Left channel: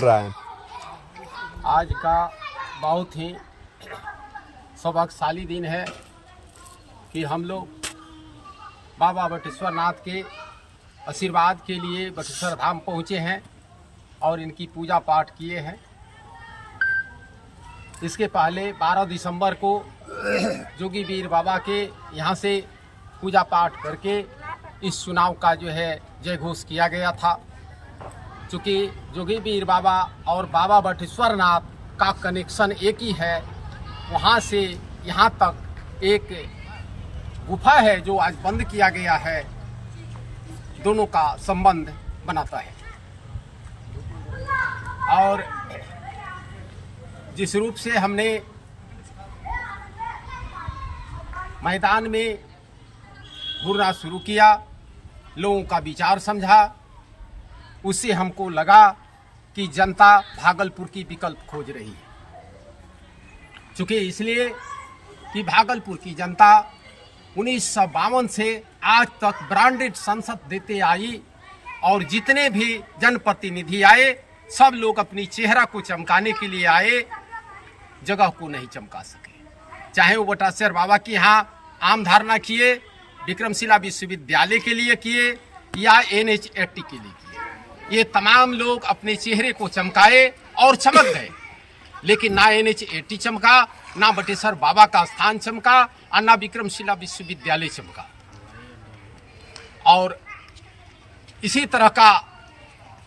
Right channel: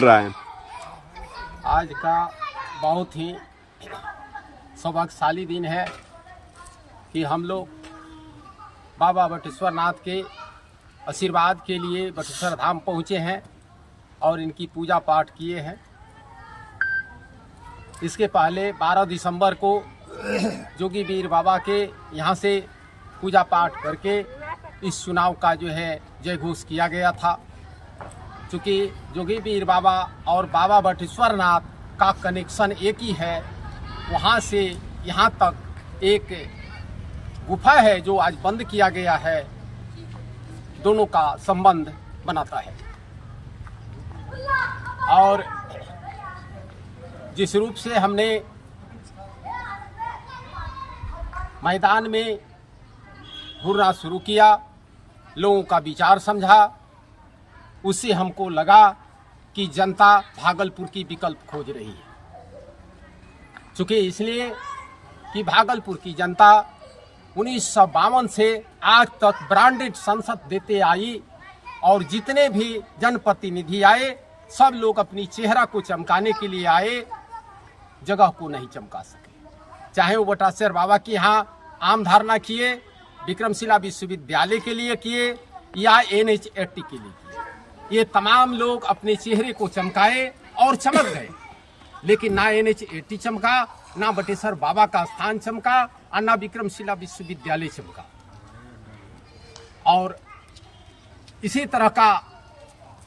रहा है। आज का बहुत ही सौभाग्यशाली दिन है कि हम लोग बाबा बटेश्वर नाथ के आशीर्वाद के लिए बटेश्वर धाम पहुँचे हैं और इनकी पूजा पाठ किए हैं। इसके पहले 12 दिसंबर को जोगी वीर बाबा के यहाँ से पूजा पाठ करके इस चुनाव का जो है जय घोष किया गया था। चूँकि जोगी वीर बाबा और बाबा बटेश्वर नाथ का कनेक्शन एक ही है, वहाँ से यहाँ तक एक गुफा है जो आज बंद किया गया है, दोनों का संबंध बनाता है। और जिस रूप से हमने मैदान में घूरना शुरू किया, लोगों का विचार समझा, उससे हमको लगा कि जनता भागलपुर की विकल्प खोज रही है। चूँकि इसलिए कि भागलपुर की जनता 1952 से आज तक ब्रांडेड संसद देते आई और जितने भी जनप्रतिनिधि आए सब लोग अपनी चेहरा को चमकाने के लिए आए, जगह को नहीं चमका सके। चाहे वो बटेश्वर बाबा के यहाँ आम धारणा किए, विक्रमशिला विश्वविद्यालय के लिए किए या NH80 के लिए किए, ये तमाम लोग अपने चेहरे को चमकाए और चमक गए। लेकिन ना NH80 चमका, ना बटेश्वर बाबा का स्थान चमका और ना विक्रमशिला विश्वविद्यालय चमका। और इसी तरह का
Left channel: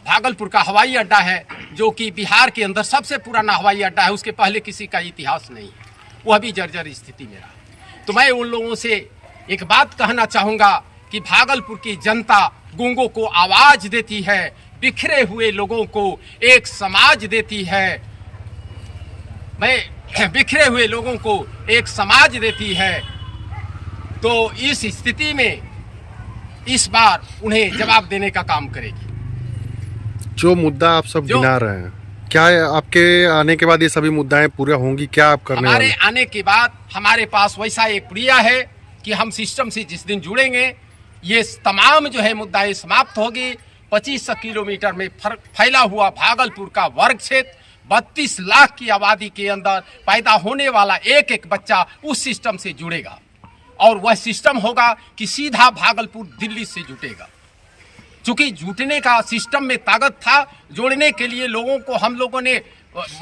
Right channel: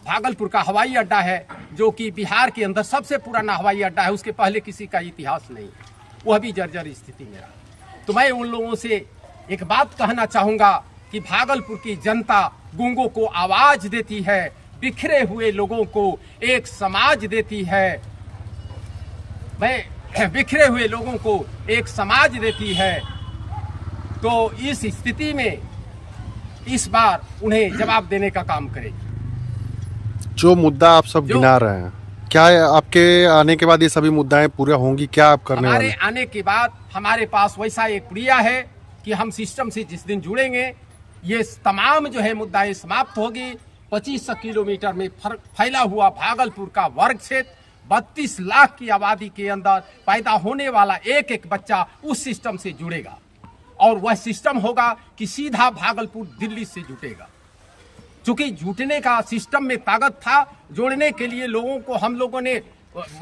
भागलपुर का हवाई अड्डा है जो कि बिहार के अंदर सबसे पुराना हवाई अड्डा है, उसके पहले किसी का इतिहास नहीं है, वह भी जर्जर स्थिति में रहा। तो मैं उन लोगों से एक बात कहना चाहूँगा कि भागलपुर की जनता गूंगों को आवाज़ देती है, बिखरे हुए लोगों को एक समाज देती है। बिखरे हुए लोगों को एक समाज देती है। तो इस स्थिति में इस बार उन्हें जवाब देने का काम करेगी। जो मुद्दा आप सब गिना रहे हैं, क्या आपके आने के बाद ये सभी मुद्दाएं पूरा होंगी? क्या आप करने वाले? हमारे आने के बाद हमारे पास वैसा एक प्रक्रिया है कि हम सिस्टम से जिस दिन जुड़ेंगे ये तमाम जो है मुद्दाएं समाप्त होगी। 2500 किलोमीटर में फैला हुआ भागलपुर का वर्ग क्षेत्र, 32 लाख की आबादी के अंदर पैदा होने वाला एक एक बच्चा उस सिस्टम से जुड़ेगा और वह सिस्टम होगा कि सीधा भागलपुर दिल्ली से जुटेगा। चूंकि जुटने का सिस्टम में ताकत था, जोड़ने के लिए लोगों को हम लोगों ने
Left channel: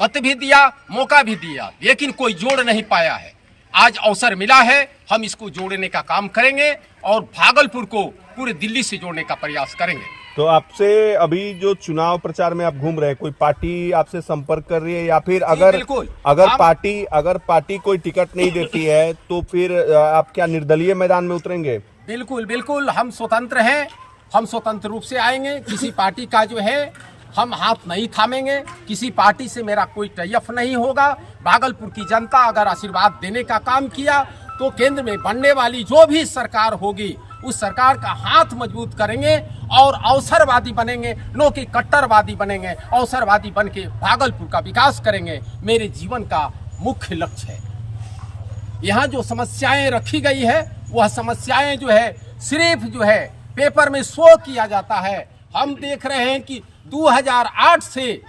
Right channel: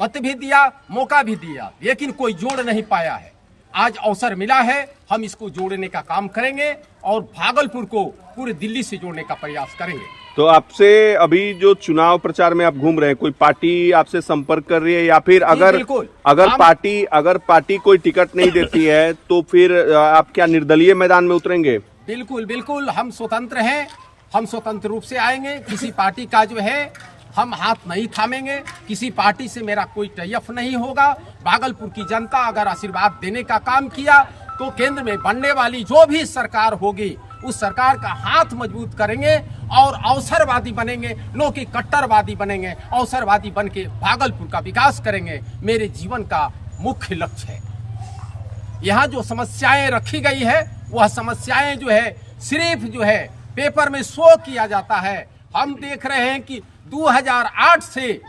मत भी दिया, मौका भी दिया, लेकिन कोई जोड़ नहीं पाया है। आज अवसर मिला है, हम इसको जोड़ने का काम करेंगे और भागलपुर को पूरे दिल्ली से जोड़ने का प्रयास करेंगे। तो आपसे अभी जो चुनाव प्रचार में आप घूम रहे हैं, कोई पार्टी आपसे संपर्क कर रही है या फिर अगर पार्टी कोई टिकट नहीं देती है तो फिर आप क्या निर्दलीय मैदान में उतरेंगे? बिल्कुल बिल्कुल, हम स्वतंत्र हैं, हम स्वतंत्र रूप से आएंगे। किसी पार्टी का जो है हम हाथ नहीं थामेंगे, किसी पार्टी से मेरा कोई टैफ नहीं होगा। भागलपुर की जनता अगर आशीर्वाद देने का काम किया तो केंद्र में बनने वाली जो भी सरकार होगी उस सरकार का हाथ मजबूत करेंगे और अवसरवादी बनेंगे, नो कि कट्टरवादी बनेंगे। अवसरवादी बन के भागलपुर का विकास करेंगे, मेरे जीवन का मुख्य लक्ष्य है। यहाँ जो समस्याएं रखी गई है वह समस्याएं जो है सिर्फ जो है पेपर में शो किया जाता है। हम देख रहे हैं कि 2008 से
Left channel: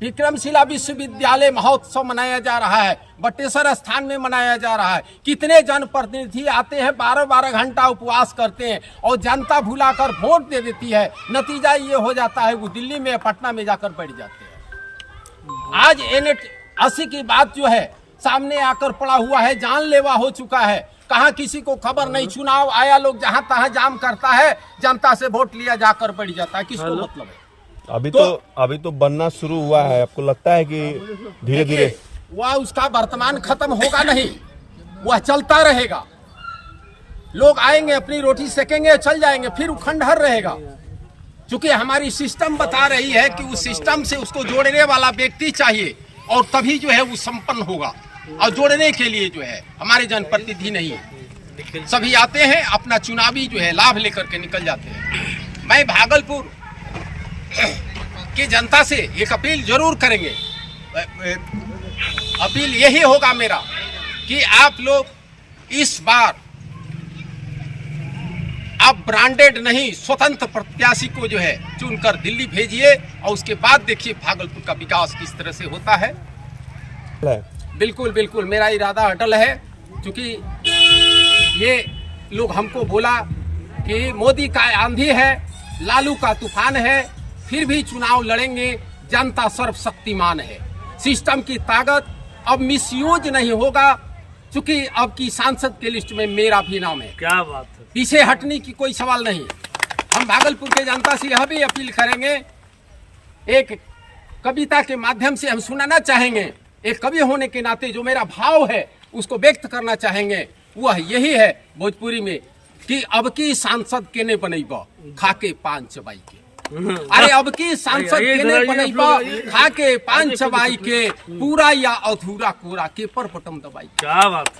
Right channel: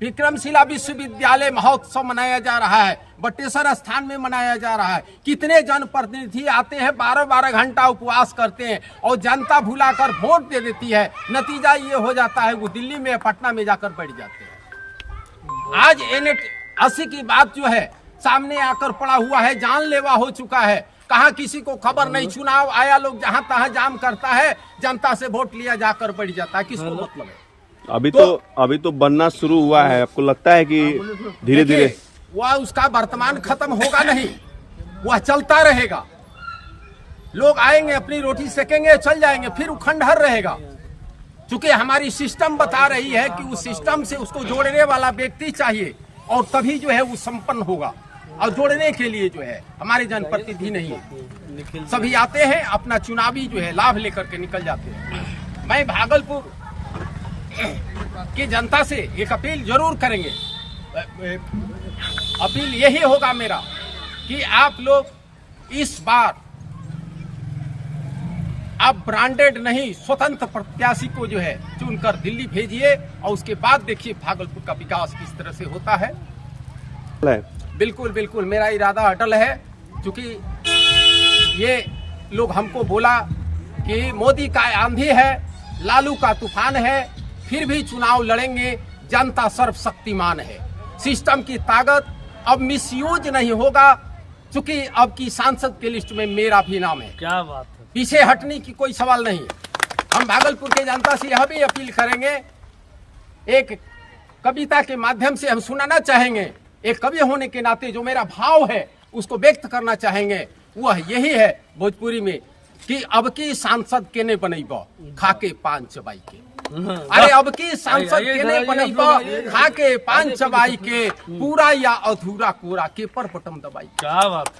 विक्रमशिला विश्वविद्यालय महोत्सव मनाया जा रहा है, बटेश्वर स्थान में मनाया जा रहा है। कितने जनप्रतिनिधि आते हैं, 12-12 घंटा उपवास करते हैं और जनता भुलाकर वोट दे देती है। नतीजा ये हो जाता है वो दिल्ली में पटना में जाकर बैठ जाते हैं। आज NH80 की बात जो है सामने आकर पड़ा हुआ है, जानलेवा हो चुका है। कहाँ किसी को खबर नहीं, चुनाव आया, लोग जहाँ तहाँ जाम करता है, जनता से वोट लिया जाकर बैठ जाता है। किसको मतलब है? अभी तो बनना शुरू हुआ है। आपको लगता है कि धीरे धीरे वह उसका वर्तमान खत्म होगा नहीं, वह चलता रहेगा। लोग आएंगे, अपनी रोटी सेकेंगे, चल जाएंगे, फिर वो खंडहर रहेगा। क्योंकि हमारी सिस्टम बता रही है कि उस सिस्टम से उसको जोड़ने वाला व्यक्ति चाहिए और तभी जो है वो संपन्न होगा। और जोड़ने के लिए जो है हमारे जनप्रतिनिधि नहीं है, सभी आते हैं अपना चुनावी जो है लाभ लेकर के निकल जाते हैं। मैं भागलपुर की जनता से एक अपील जरूर करेंगे, अपील यही होगा मेरा कि आप लोग इस बार आप ब्रांडेड नहीं स्वतंत्र प्रत्याशी को जो है चुनकर दिल्ली भेजिए और उसके बाद देखिए भागलपुर का विकास किस तरह से होता है। बिल्कुल बिल्कुल मेरा इरादा अटल है, क्योंकि ये लोग हमको बोला कि मोदी का आंधी है, लालू का तूफान है, फिर भी चुनाव लड़ेंगे, जनता सर्वशक्तिमान है, सिस्टम की ताकत अब मिसयूज नहीं होगा, क्योंकि अब की सांसद के लिस्ट में मेरा भी नाम है। क्या बात है, पीछे हटने की कोई सवाल नहीं। हम भागलपुर के जनता से यह भी अपील करेंगे, एक कविता के माध्यम से हम सुनाना चाहेंगे, एक कवि होने के नाते जो मेरा भाव है उसको व्यक्त करना चाहेंगे, वह यही है भोजपुरी में कि अब की सांसद केने बनैबा खाके पान चबाई के। अरे अब की सांसद केने बनैबा खाके पान चबाई के, पूरा या अधूरा कोरा के पर बटम दबाई। क्या बात है,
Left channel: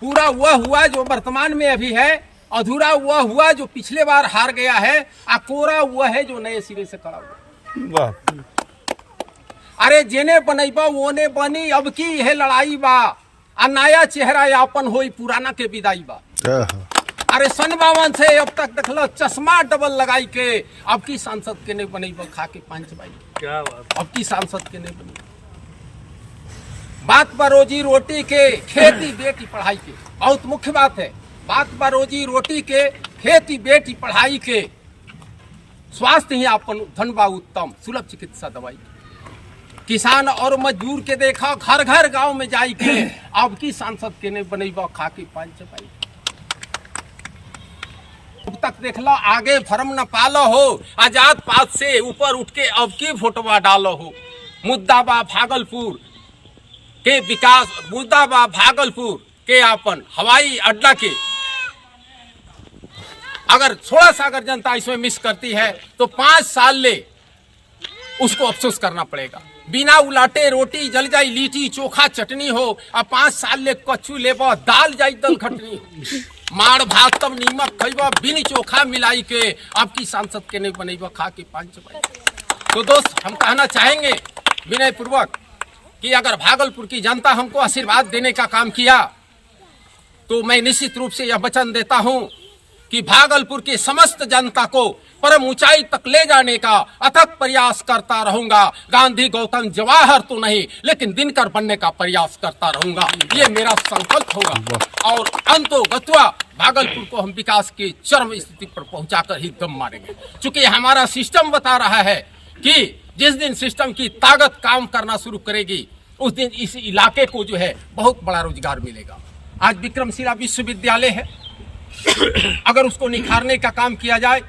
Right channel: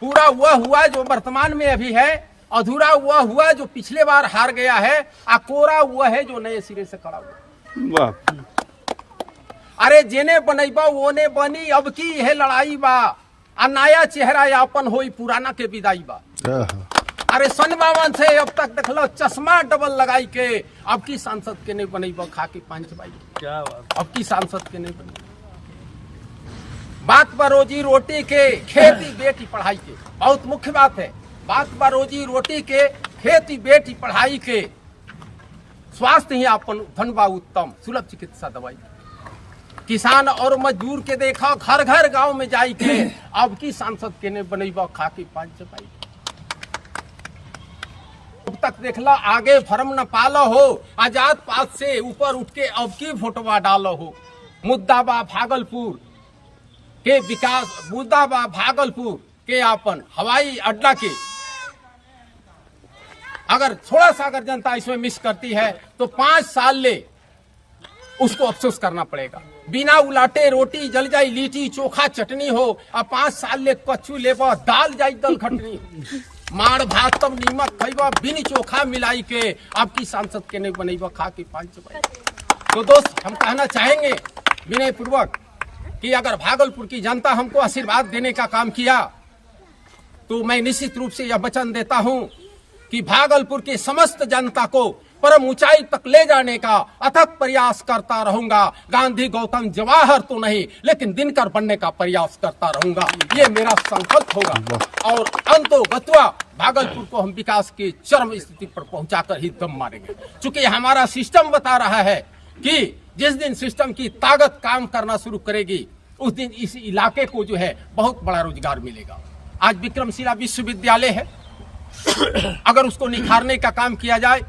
पूरा वह हुआ जो वर्तमान में अभी है, अधूरा वह हुआ जो पिछले बार हार गया है, और कोरा वह है जो नए सिरे से खड़ा हुआ। अरे जेने बनैबा ओने बनी, अब की यह लड़ाई बा, आ नया चेहरा यापन होई पुराना के विदाई बा। अरे सन 52 से अब तक देखलो चश्मा डबल लगाई के, अब की सांसद के नहीं बनैबा खा के पांच बाई। क्या बात, अब की सांसद के नहीं बनी। बात बा रोजी रोटी के, खेती बेटी पढ़ाई के, बहुत मुख्य बात है। बात बा रोजी रोटी के, खेती बेटी पढ़ाई के, स्वास्थ्य ही आपन धन बा उत्तम, सुलभ चिकित्सा दवाई के, किसान और मजदूर के देखा घर घर गांव में जाई के, अब की सांसद के ने बनैबा खा के पांच चपाई। अब तक देखला आगे फर्म न पालो हो, आजाद पात से ऊपर उठ के अब की फोटोवा डालो हो। मुद्दा बा भागलपुर के विकास, मुद्दा बा भागलपुर के आपन हवाई अड्डा के। अगर थोड़ा सा अगर जनता इसमें मिस करती है तो 5 साल ले उसको अफसोस करना पड़ेगा। बिना उलाटे रोटी जल जाई, लीटी चोखा चटनी हो, और 5 साल ले कच्चू लेबा दाल जाई दल खटनी हो। माड़ भात तब नीमक खैबा बिन चोखा मिलाई के, अब की सांसद के नहीं बनैबा खा के पांच चबाई। तो दोस्त हम कहना चाहेंगे विनय पूर्वक कि अगर भागलपुर की जनता हमको आशीर्वाद देने का काम किया तो मैं निश्चित रूप से यह वचन देता हूं कि भागलपुर की समस्त जनता को परम ऊंचाई तक ले जाने का अथक प्रयास करता रहूंगा। गांधी गौतम जवाहर तो नहीं, लेकिन दिनकर बनने का प्रयास करता रहूंगा, ये मेरा संकल्प होगा। और अंतोगत्वा भागलपुर को हम विकास की चरम स्थिति पर पहुंचाकर ही दम मारेंगे, क्योंकि हमारा सिस्टम बता रहा है कि जिस दिन सिस्टम की ताकत काम करना शुरू करेगी उस दिन इस इलाके को जो है बहुत बड़ा रोजगार मिलेगा। आज विक्रमशिला विश्वविद्यालय है, अगर उसको निखारने का काम किया जाए,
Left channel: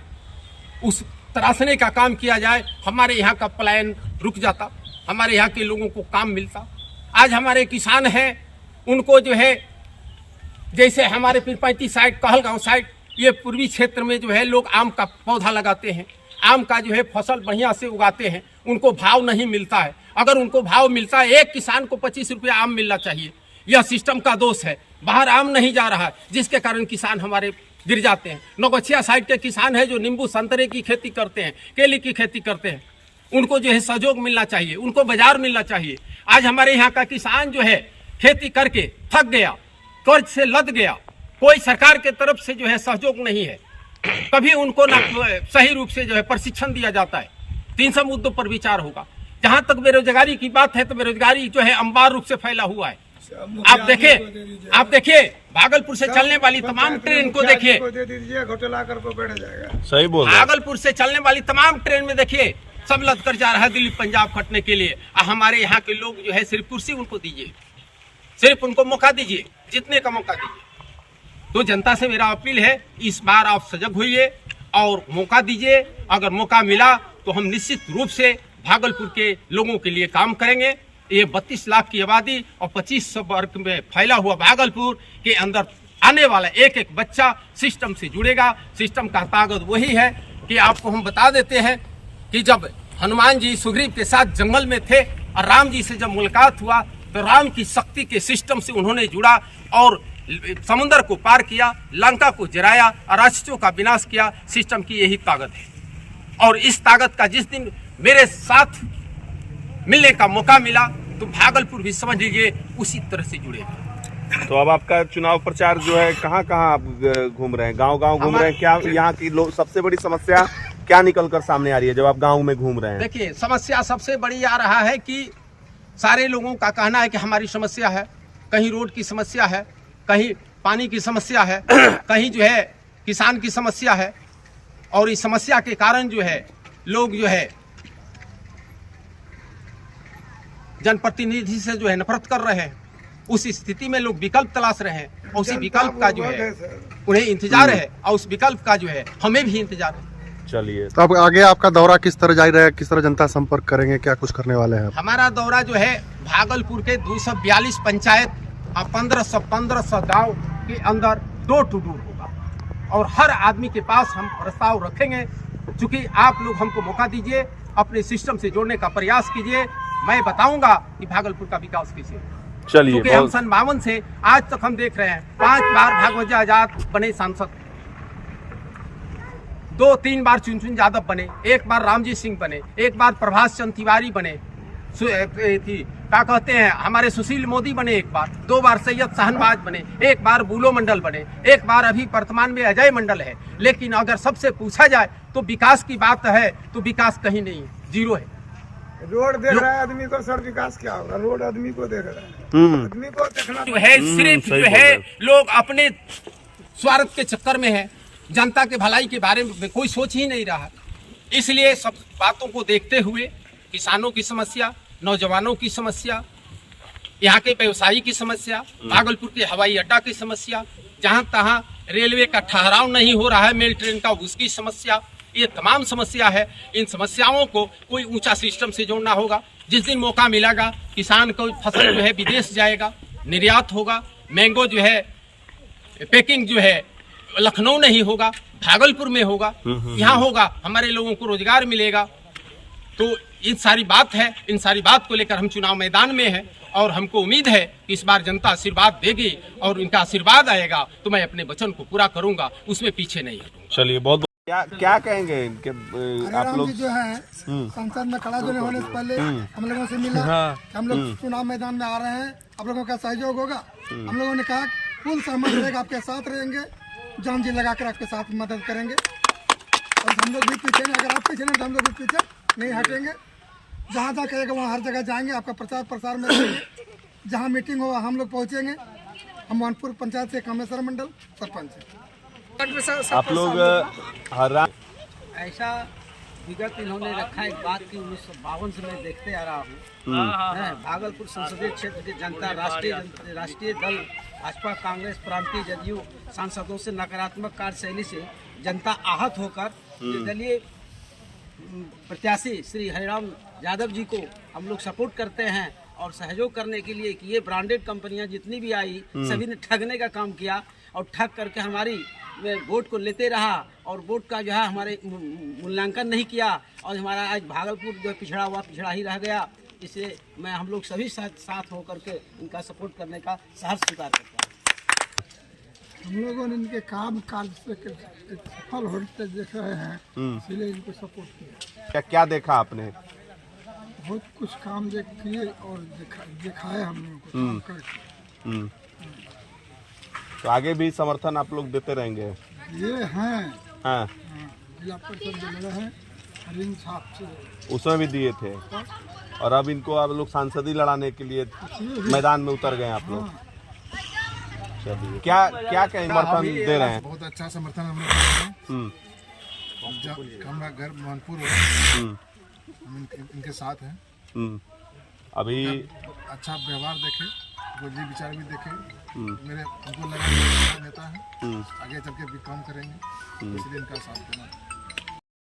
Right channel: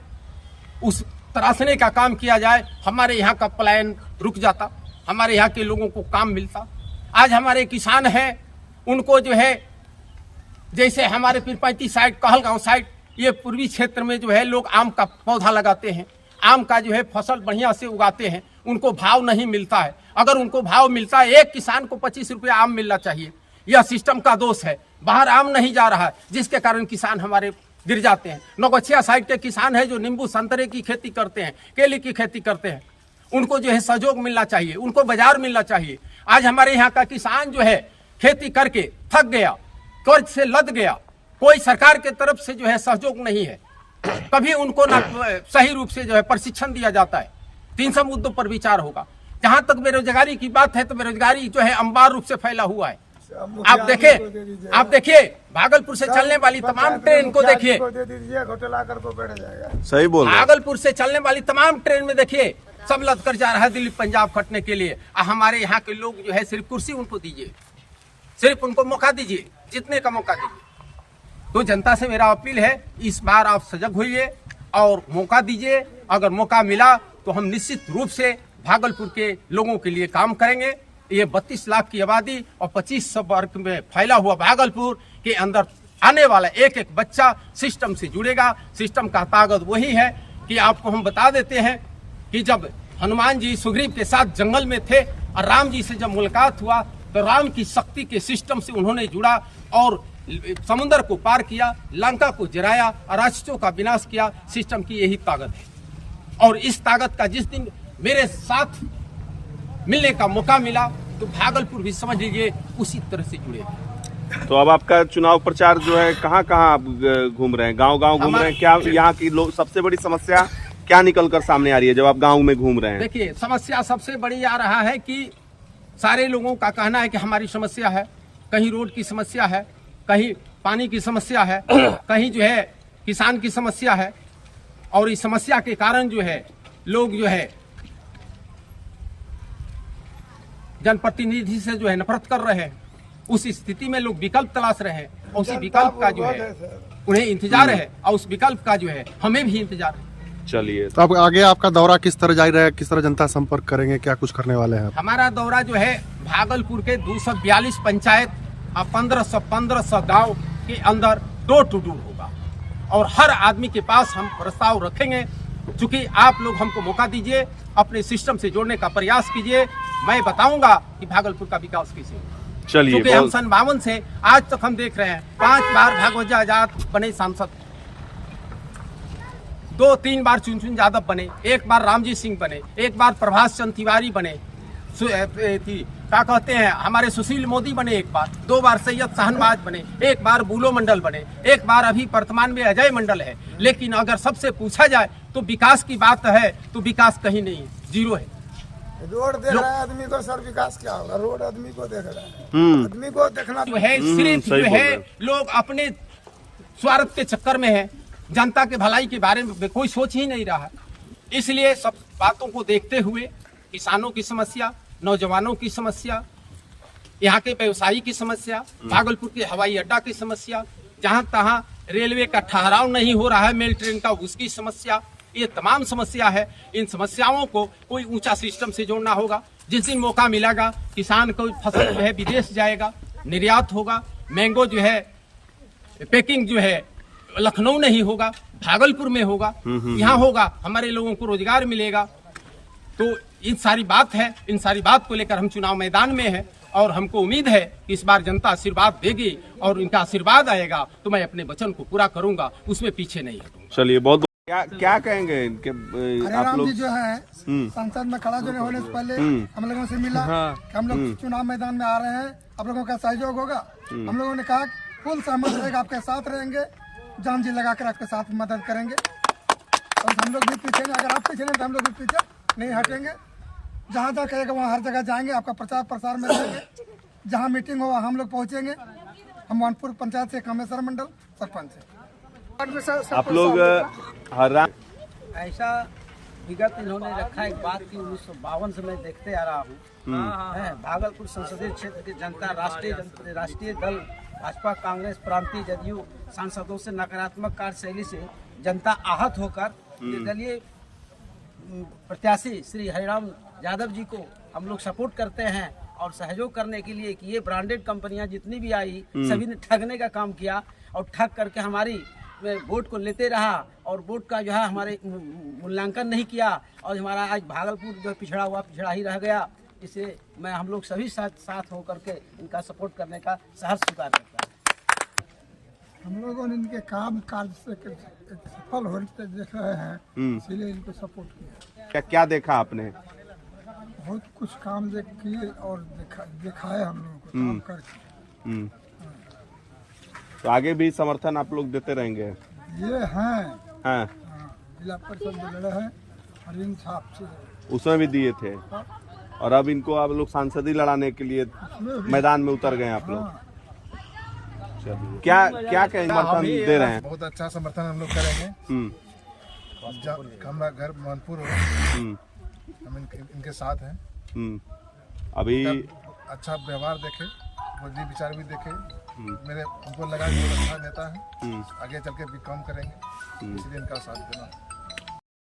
उस तराशने का काम किया जाए, हमारे यहाँ का पलायन रुक जाता, हमारे यहाँ के लोगों को काम मिलता। आज हमारे किसान हैं, उनको जो है जैसे हमारे पीरपैंती साइड, कहलगांव साइड, ये पूर्वी क्षेत्र में जो है लोग आम का पौधा लगाते हैं, आम का जो है फसल बढ़िया से उगाते हैं, उनको भाव नहीं मिलता है। अगर उनको भाव मिलता है, एक किसान को 25 रुपया आम मिलना चाहिए। यह सिस्टम का दोष है, बाहर आम नहीं जा रहा है, जिसके कारण किसान हमारे गिर जाते हैं। नौगछिया साइड के किसान है जो नींबू संतरे की खेती करते हैं, केले की खेती करते हैं, उनको जो है सहयोग मिलना चाहिए, उनको बाजार मिलना चाहिए। आज हमारे यहाँ का किसान जो है खेती करके थक गया, कर्ज से लद गया, कोई सरकार के तरफ से जो है सहयोग नहीं है, कभी उनको ना सही रूप से जो है प्रशिक्षण दिया जाता है। 300 मुद्दों पर विचार होगा। जहां तक बेरोजगारी की बात है तो बेरोजगारी जो है अंबार रूप से फैला हुआ है। आप देखिए भागलपुर से चलने वाली तमाम ट्रेन को देखिए, सही बोल, भागलपुर से चलने वाली तमाम ट्रेन में देखिए सब लद कर जा रहा है दिल्ली पंजाब खटने के लिए। हमारे यहाँ के लोग जो है सिर्फ कुर्सी उनको दीजिए, सिर्फ उनको मौका दीजिए, जितने का मौका दीजिए। तो जनता से मेरा अपील है, इस बार आप सजग होइए और मौका दीजिए। अगर मौका मिला तो हम निश्चित रूप से भागलपुर के लोगों के लिए काम करेंगे। ये 32 लाख की आबादी और 2500 वर्ग में फैला हुआ भागलपुर के अंदर आने वाला एक एक बच्चा सिस्टम से जुड़ेगा। सिस्टम का ताकत वही है कि आपको हम बता देते हैं कि जब हनुमान जी सुग्रीव के साथ जंगल में थे और राम जी से जब मुलाकात हुआ तो राम की शक्ति के सिस्टम से उन्होंने जुड़ा और समुद्र को पार किया, लंका को जराया और राक्षसों का विनाश किया। सिस्टम की यही ताकत है और इस ताकत का जिस दिन मेरे साथ मिलने का मौका मिला तो भागलपुर भी समझ लीजिए उसी तरह से जुड़ेगा। तो अब आपका चुनाव प्रचार जो है कहाँ कहाँ आप घूम रहे हैं? गांव-गांव घूम रहे हैं? क्या यहाँ की लोग सबसे बड़ी समस्या क्या निकल कर सामने आ रही है जब आप गांव में घूम रहे हैं? देखिए, समस्या सबसे बड़ी आ रहा है कि सारे लोगों का कहना है कि हमारी समस्या है, कहीं रोड की समस्या है, कहीं पानी की समस्या है, कहीं जो है किसान की समस्या है, और इस समस्या के कारण जो है लोग जो है जनप्रतिनिधि से जो है नफरत कर रहे हैं। उस स्थिति में लोग विकल्प तलाश रहे हैं, और उसी विकल्प का जो है उन्हें इंतजार है, और उस विकल्प का जो है हमें भी इंतजार है। चलिए, तो अब आगे आपका दौरा किस तरह जारी रहेगा, किस तरह जनता संपर्क करेंगे, क्या कुछ करने वाले हैं? हमारा दौरा जो है भागलपुर के 242 पंचायत और 1500 गांव के अंदर डोर टू डोर होगा, और हर आदमी के पास हम प्रस्ताव रखेंगे। चूंकि आप लोग हमको मौका दीजिए, अपने सिस्टम से जोड़ने का प्रयास कीजिए, मैं बताऊंगा कि भागलपुर का विकास कैसे होगा। चलिए, क्योंकि हम 52 से आज तक हम देख रहे हैं 5 बार भागवत आजाद बने सांसद, 2-3 बार चुनचुन यादव बने, 1 बार रामजी सिंह बने, 1 बार प्रभास चंद्र तिवारी बने, क्या कहते हैं हमारे सुशील मोदी बने, 1 बार, 2 बार सैयद शाहनवाज बने, 1 बार बुलो मंडल बने, 1 बार अभी वर्तमान में अजय मंडल है। लेकिन अगर सबसे पूछा जाए तो विकास की बात है तो विकास कहीं नहीं, जीरो है। रोड देख रहा है आदमी को, सर विकास क्या होगा? रोड आदमी को देख रहा है, आदमी को देखना जो है सिर्फ जो है लोग अपने स्वार्थ के चक्कर में है, जनता के भलाई के बारे में कोई सोच ही नहीं रहा। इसलिए सब बातों को देखते हुए किसानों की समस्या, नौजवानों की समस्या, यहाँ के व्यवसायी की समस्या, भागलपुर के हवाई अड्डा की समस्या, जहाँ तहाँ रेलवे का ठहराव नहीं हो रहा है मेल ट्रेन का, उसकी समस्या, ये तमाम समस्या है। इन समस्याओं को कोई ऊंचा सिस्टम से जोड़ना होगा। जिस दिन मौका मिलेगा किसान को फसल जो है विदेश जाएगा, निर्यात होगा, मैंगो जो है पैकिंग जो है लखनऊ नहीं होगा, भागलपुर में होगा, यहाँ होगा, हमारे लोगों को रोजगार मिलेगा। तो इन सारी बात है, इन सारी बात को लेकर हम चुनाव मैदान में हैं, और हमको उम्मीद है कि इस बार जनता आशीर्वाद देगी, और इनका आशीर्वाद आएगा तो मैं अपने वचन को पूरा करूंगा, उसमें पीछे नहीं हटूंगा। चलिए, बहुत क्या कहेंगे इनके आप लोग? जी जो है संसद में खड़ा जो होने से पहले हम लोगों से मिला कि हम लोग चुनाव मैदान में आ रहे हैं, आप लोगों का सहयोग होगा। हम लोगों ने कहा फुल सहमत रहेगा, आपके साथ रहेंगे, जान जी लगाकर आपके साथ मदद करेंगे, और हम लोग भी पीछे नहीं, अगर आप पीछे नहीं तो हम लोग भी पीछे नहीं हटेंगे। जहाँ जहाँ कहेगा वहाँ हर जगह जाएंगे, आपका प्रचार प्रसार में रहेंगे, जहाँ मीटिंग हो हम लोग पहुँचेंगे। हम वानपुर पंचायत से कामेश्वर मंडल सरपंच है। आप लोग ऐसा विगत इन्होंने रखा एक बात की 1952 से मैं देखते आ रहा हूँ। भागलपुर संसदीय क्षेत्र की जनता राष्ट्रीय दल भाजपा, कांग्रेस, प्रांतीय जदयू सांसदों से नकारात्मक कार्यशैली से जनता आहत होकर निर्दलीय प्रत्याशी श्री हरिराम यादव जी को हम लोग सपोर्ट करते हैं, और सहयोग करने के लिए कि ये ब्रांडेड कंपनियां जितनी भी आई सभी ने ठगने का काम किया, और ठग करके हमारी वोट को लेते रहा, और वोट का जो है हमारे मूल्यांकन नहीं किया, और हमारा आज भागलपुर जो पिछड़ा हुआ पिछड़ा ही रह गया। इसे मैं हम लोग सभी साथ होकर के इनका सपोर्ट करने का सहर्ष स्वीकार करता हूँ। हम लोगों ने इनके काम काज से सफल होते देख रहे हैं, इसलिए इनको सपोर्ट किया। क्या देखा आपने? बहुत कुछ काम किए और दिखाए हम लोगों को काम करके। तो आगे भी समर्थन आप लोग देते रहेंगे? ये हैं हाँ, जिला परिषद में लड़े हैं हरीन साहब से, उसमें भी दिए थे, और अब इनको आप लोग सांसदी लड़ाने के लिए मैदान में उतर गए आप लोग। चलिए, क्या क्या समर्थन दे रहे हैं? बहुत अच्छा समर्थन हम लोग कर रहे हैं। हमारा घर मानपुर है, हम इनके साथ हैं। अभी अच्छा व्यवहार देखे, बुद्धि विचार भी देखे, मेरे उनको लगा कि अच्छा नेता है, आगे चल के भी काम करेंगे, इसलिए इनका साथ देना।